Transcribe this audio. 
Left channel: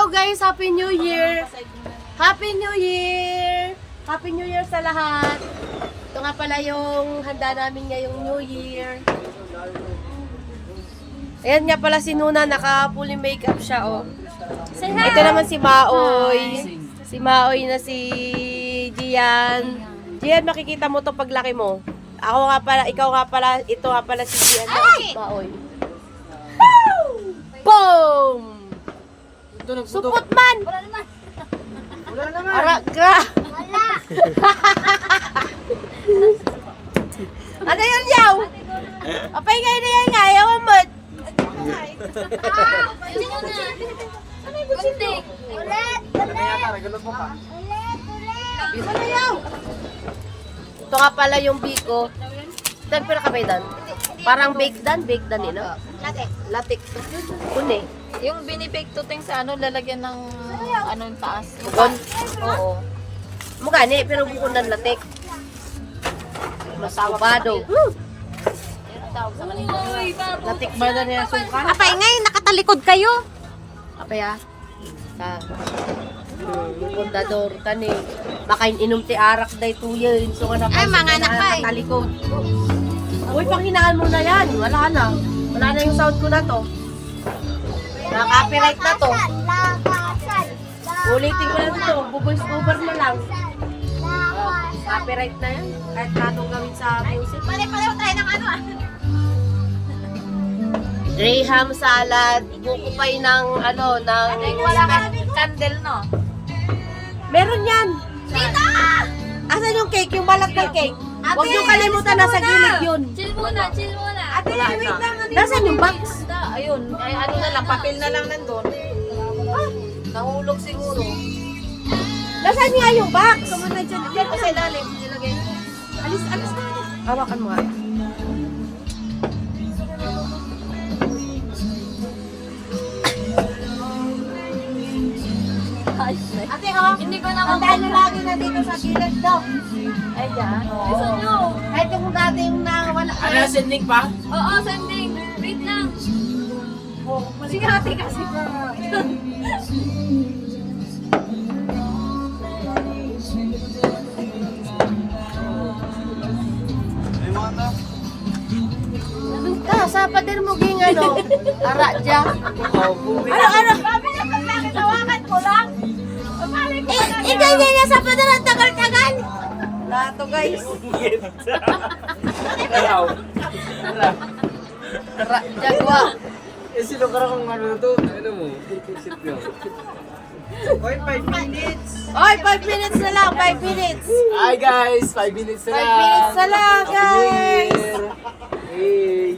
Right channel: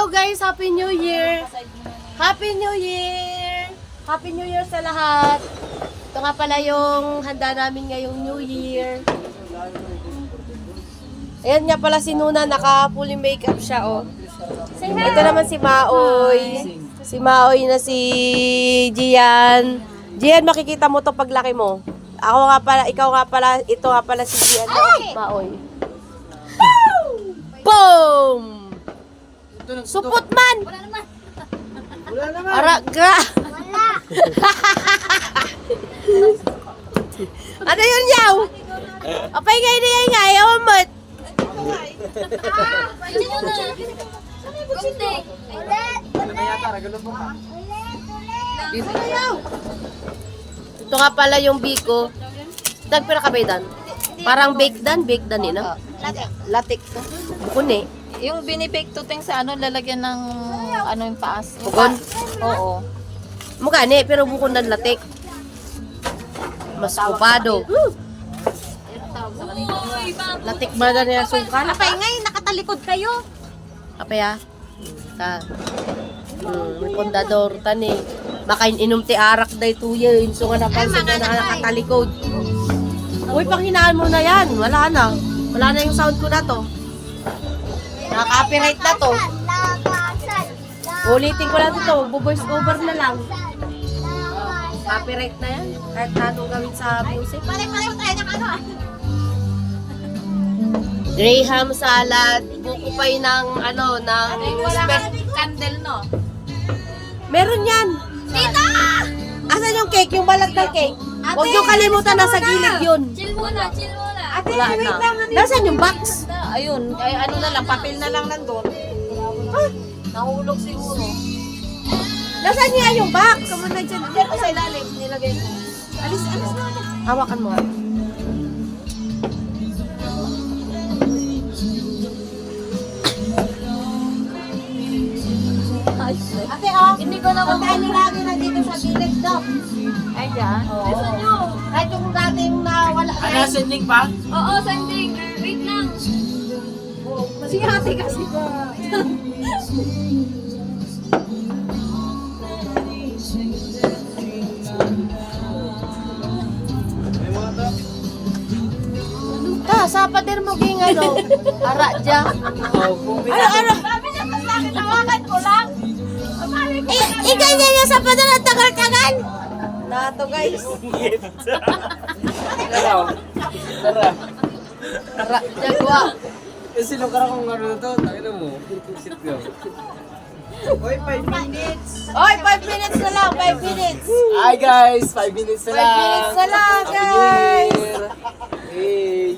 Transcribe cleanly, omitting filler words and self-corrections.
Hello guys, Happy New Year! Happy New Year! Happy New Year sa lahat! Ito nga pala yung handa namin ngayong New Year. Ayan nga pala si Nuna, naka-fully makeup siya, oh. Ito naman si Maoy. Si Maoy na si Gian. Gian, makikita mo to paglaki mo. Ako nga pala, ikaw nga pala, ito nga pala si Gian na Maoy. Boom! Supot man! Wala naman. Araga! Ano yun, yaw? Apay kayo na yan, ayaw mo. Ito nga pala yung biko. Dan pa nakabay dan. Parang bake dan ina. Latik to. Kuni. Yung binibake to ting sa ano, lalagyan ng ano yung taas. Bugon. Oo. Mukha ni, pero bukon ng latik. Mas kupado. Latik ba na niya sungkan? Apay ngayon, nakatalikod kayo. Apay ah. Ta. Yung kondador tani. Baka inom ti arak day tuyo. So nga napansin mga na napay. nakatalikod. Uy, panghinaan mo na yan. Wala na. Wala na yung sound ko na to. Naka-copyright na to. Ulitin ko lang ito. Voice over na lang. Copyright na yan. Kahit na itong gawin sa music. Pare-pareho tayo ng ano ah. Graham salad. Buko pay ng ano, ng... Wala ka candle no? Meron yan. Tita! Asan yung cake? Yung balat ng cake? Huwag yung kalimutan, nasa gilid yun. Chill muna, chill muna. Ate, wait lang. Nasaan yung box? Ayun, ay ano na lang, papel na lang nandun. Nahulog siguro. Nasaan niya yung box? Diyan ko sa ilalim, nilagay ko. Alis na. Hawakan mo nga. Ate, oh. Hindi ko na Pagkain na lagi na dito sa gilid do. Ay, dyan. Gusto nyo? Kahit yung dati yung nawala. Ano, sending pa? Oo, sanding. Wait lang. Sige, ate kasi. Sa pader mo ging ano? Ara dya. Ano? Sabi niya pa sa akin, tawakan ko lang. Pamali ko pa lang. Ikaw niya sa pader at tagal-tagal. Nato guys. Hello. Tara. Ara dya kwa. Eh, sino ka kung ano to? Ano mo? Sit ka. Oy, 5 minutes. Oy, 5 minutes na lang, 5 minutes. Hi guys, 5 minutes na 5 lang. minutes na lang, Happy New guys. Year. Hey.